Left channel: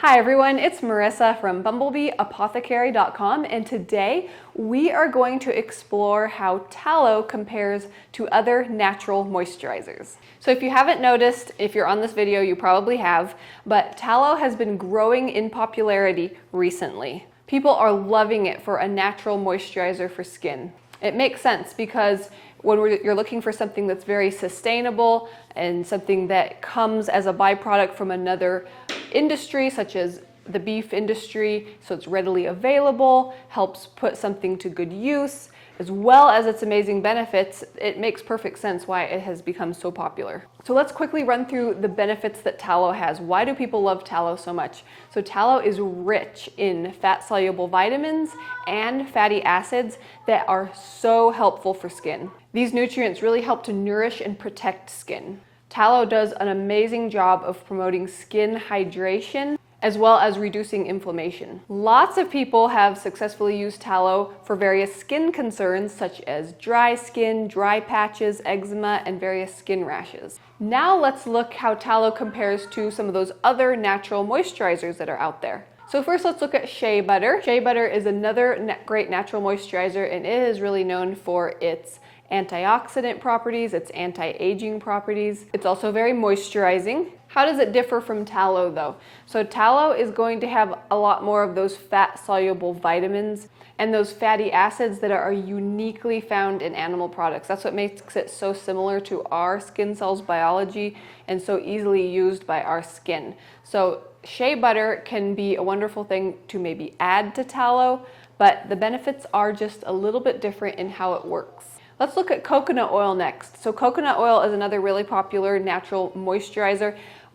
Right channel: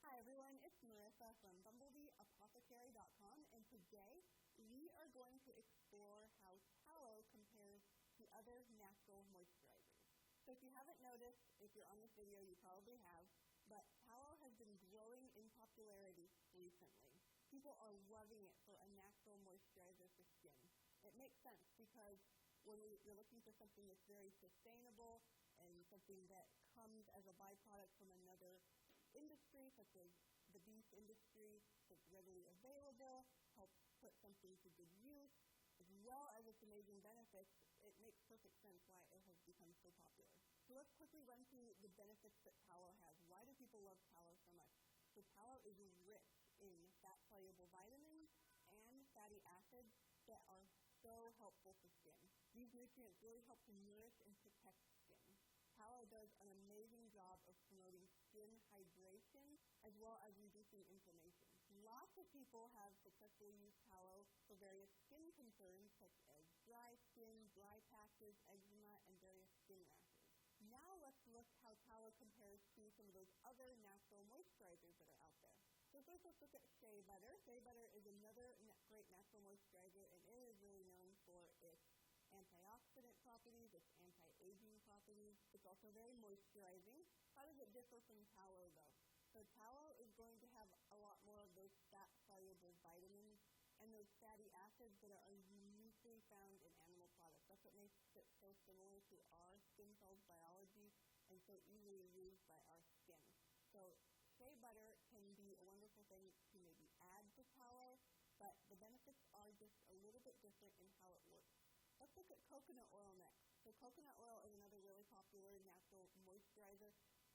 Hi everyone, it's Marisa from bumblebeeapothecary.com, and today we are going to explore how tallow compares to other natural moisturizers. So if you haven't noticed, if you're on this video, you probably have, but tallow has been growing in popularity recently. People are loving it for a natural moisturizer for skin. It makes sense because when you're looking for something that's very sustainable and something that comes as a byproduct from another industry, such as the beef industry, so it's readily available, helps put something to good use, as well as its amazing benefits, it makes perfect sense why it has become so popular. So let's quickly run through the benefits that tallow has. Why do people love tallow so much? So tallow is rich in fat-soluble vitamins and fatty acids that are so helpful for skin. These nutrients really help to nourish and protect skin. Tallow does an amazing job of promoting skin hydration as well as reducing inflammation. Lots of people have successfully used tallow for various skin concerns such as dry skin, dry patches, eczema, and various skin rashes. Now let's look how tallow compares to some of those other natural moisturizers that are out there. So first let's look at shea butter. Shea butter is another great natural moisturizer, and it is really known for its antioxidant properties, its anti-aging properties. It's also very moisturizing. How does it differ from tallow though? So tallow is going to have a lot more of those fat-soluble vitamins and those fatty acids that are uniquely found in animal products. That's what makes it so similar to our skin cells biology and so easily used by our skin. So shea butter can be a wonderful thing to maybe add to tallow, but the benefits are just a little bit different in how it works. Let's look at coconut oil next. So coconut oil is another really popular natural moisturizer.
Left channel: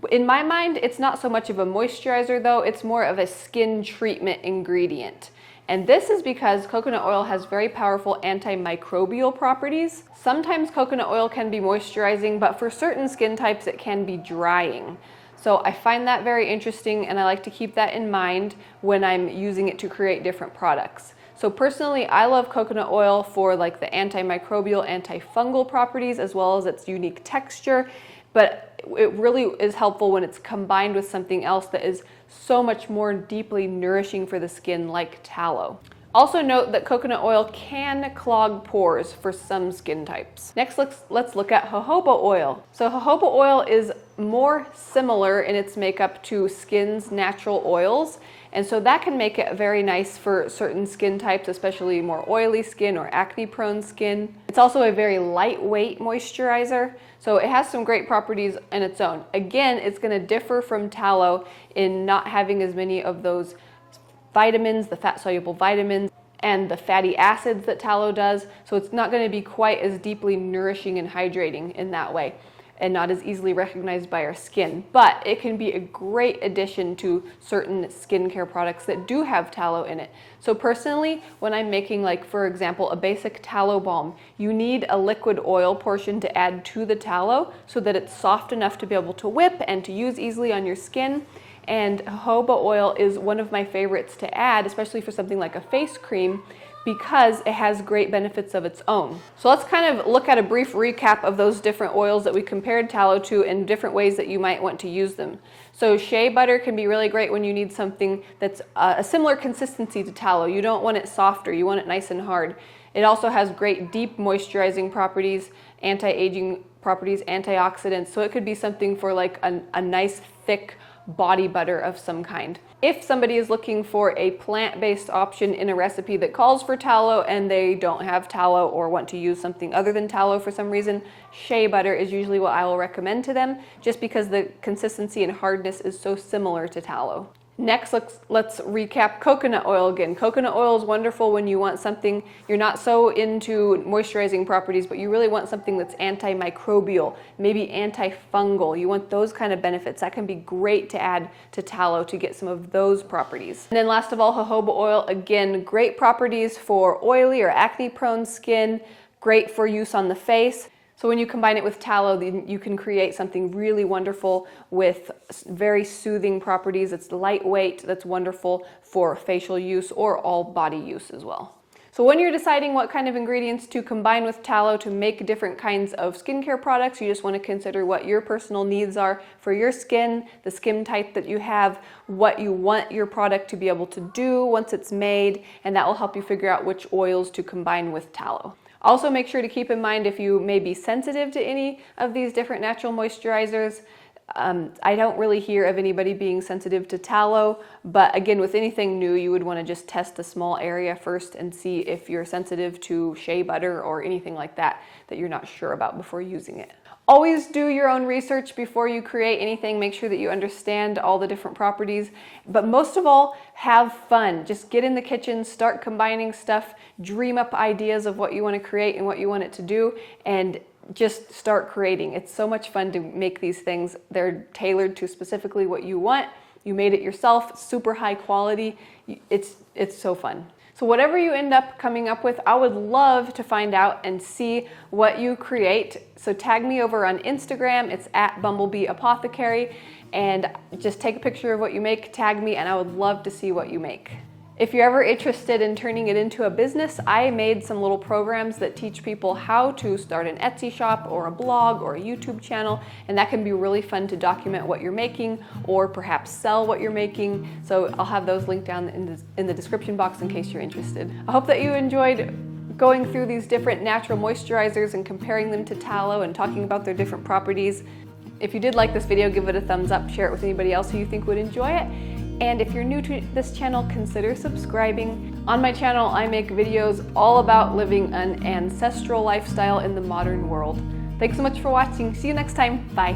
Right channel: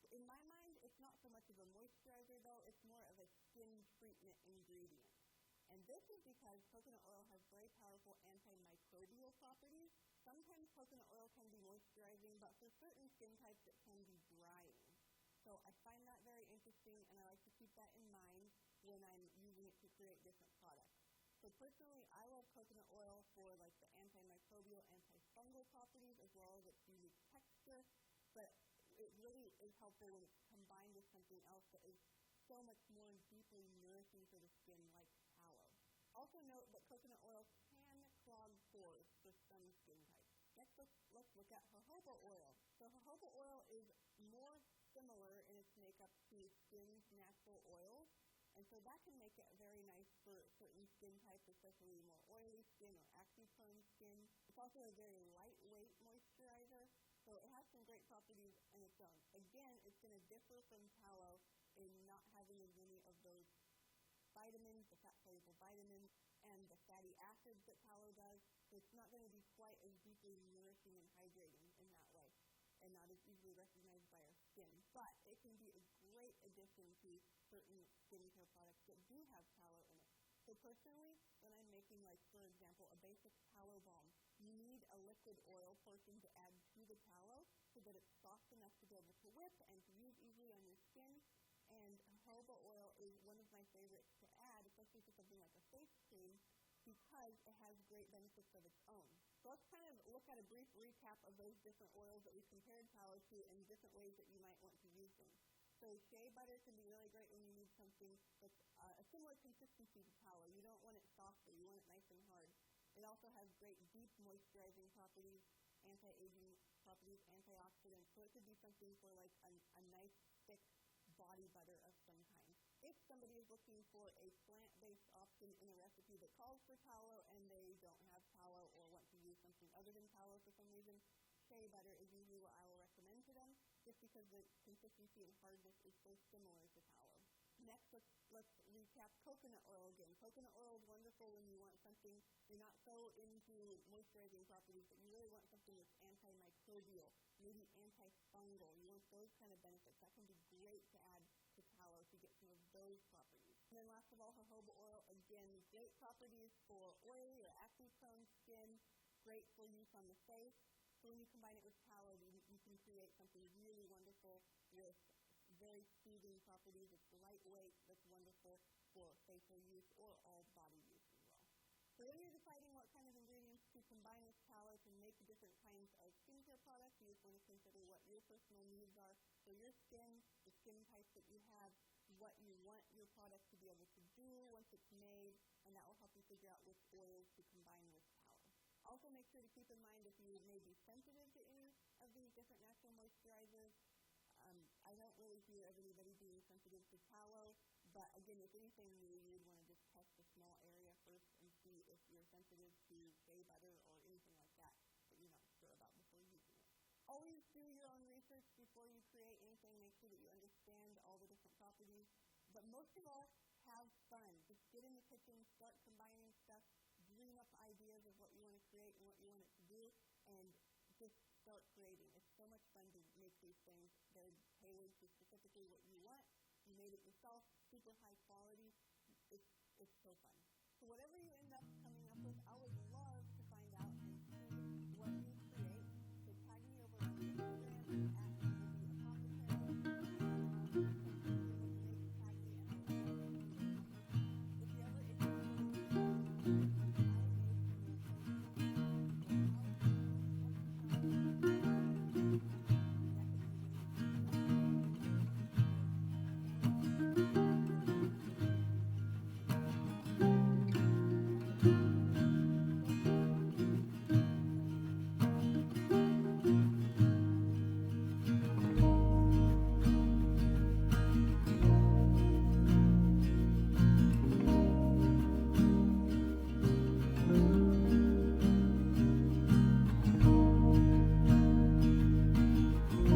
In my mind, it's not so much of a moisturizer though, it's more of a skin treatment ingredient. And this is because coconut oil has very powerful antimicrobial properties. Sometimes coconut oil can be moisturizing, but for certain skin types it can be drying. So I find that very interesting, and I like to keep that in mind when I'm using it to create different products. So personally, I love coconut oil for like the antimicrobial, antifungal properties as well as its unique texture, but it really is helpful when it's combined with something else that is so much more deeply nourishing for the skin, like tallow. Also note that coconut oil can clog pores for some skin types. Next, let's look at jojoba oil. So jojoba oil is more similar in its makeup to skin's natural oils, and so that can make it very nice for certain skin types, especially more oily skin or acne-prone skin. It's also a very lightweight moisturizer, so it has some great properties in its own. Again, it's going to differ from tallow in not having as many of those vitamins, the fat-soluble vitamins, and the fatty acids that tallow does, so it's not going to be quite as deeply nourishing and hydrating in that way, and not as easily recognized by our skin. But it can be a great addition to certain skincare products that do have tallow in it. So personally, when I'm making, like for example, a basic tallow balm, you need a liquid oil portion to add to the tallow so that it's soft enough to be able to whip and to use easily on your skin. And jojoba oil is one of my favorites to add, especially for something like a face cream, because it has great benefits of its own. So let's kind of look at a brief recap of those different oils that we compared tallow to and different ways that you might want to use them. So shea butter can be really great when you need something that's a similar consistency to tallow. You don't want it softer, you want it nice and hard. It also has great deep moisturizing properties, anti-aging properties, antioxidants, so it could be something for like a nice thick body butter of some kind. If somebody is looking for a plant-based option in a recipe that calls for tallow and they don't have tallow or want to use something other than tallow for some reason, shea butter is usually what I will recommend to them, just because the consistency and hardness is so similar to tallow. Next, let's recap coconut oil again. Coconut oil is wonderful when you want something, you're not so into moisturizing properties, but you really want something that's antimicrobial, maybe antifungal. You want those kind of benefits. That can be great to add to tallow to get some of those properties. And then last of all, jojoba oil, again, great properties for oily or acne-prone skin, great for use on the face. So when you combine it with tallow, then you can create something really wonderful with very soothing properties. It's lightweight, that's wonderful for facial use or all body use as well. So when you're deciding what kind of ingredients to combine with tallow to make different kinds of skincare products, you just want to consider what your personal needs are for your skin, the skin type that you have, what you want your product to be able to do once it's made, and that will help you figure out which oils to combine with tallow. Also, make sure to keep in mind if you may be sensitive to any of these different natural moisturizers. I don't really hear of anybody being sensitive to tallow, but again, with anything new, you would want to just test a small area first and see if you're sensitive to shea butter or anything like that you're not sure about before using it. Always do your own research before you create anything. Make sure that you understand all the different properties, but most of all, have fun. Just get in the kitchen, start combining stuff, dream up ideas of what you want to create and what you want it to do, and just start creating. It's so much fun to make these things. They're tailored to specifically what you want. You made it yourself, super high quality. It's so fun. So whatever you end up coming up with, I would love to find out and see what you create. So tag me over on Instagram. It's @bumblebeeapothecary, and just take a picture of what you make, tag me, and I would love to see what you make. If you're ever interested in turning it into a business, I made some little programs that teach people how to start an Etsy shop or a blog or a YouTube channel, and that can be really fun to document what you're making or perhaps sell what you're making. So I'll have those linked down in the description box in case you're interested. I hope that you enjoyed going through these different natural moisturizers and comparing them to tallow and talking about their different properties. If you did like this video, give it a thumbs up, share it with anybody else who you think would enjoy it. And if you're new to this channel, consider subscribing. On my channel, I make videos all about living an ancestral lifestyle in the modern world. Thanks so much for watching. See you next time. Bye.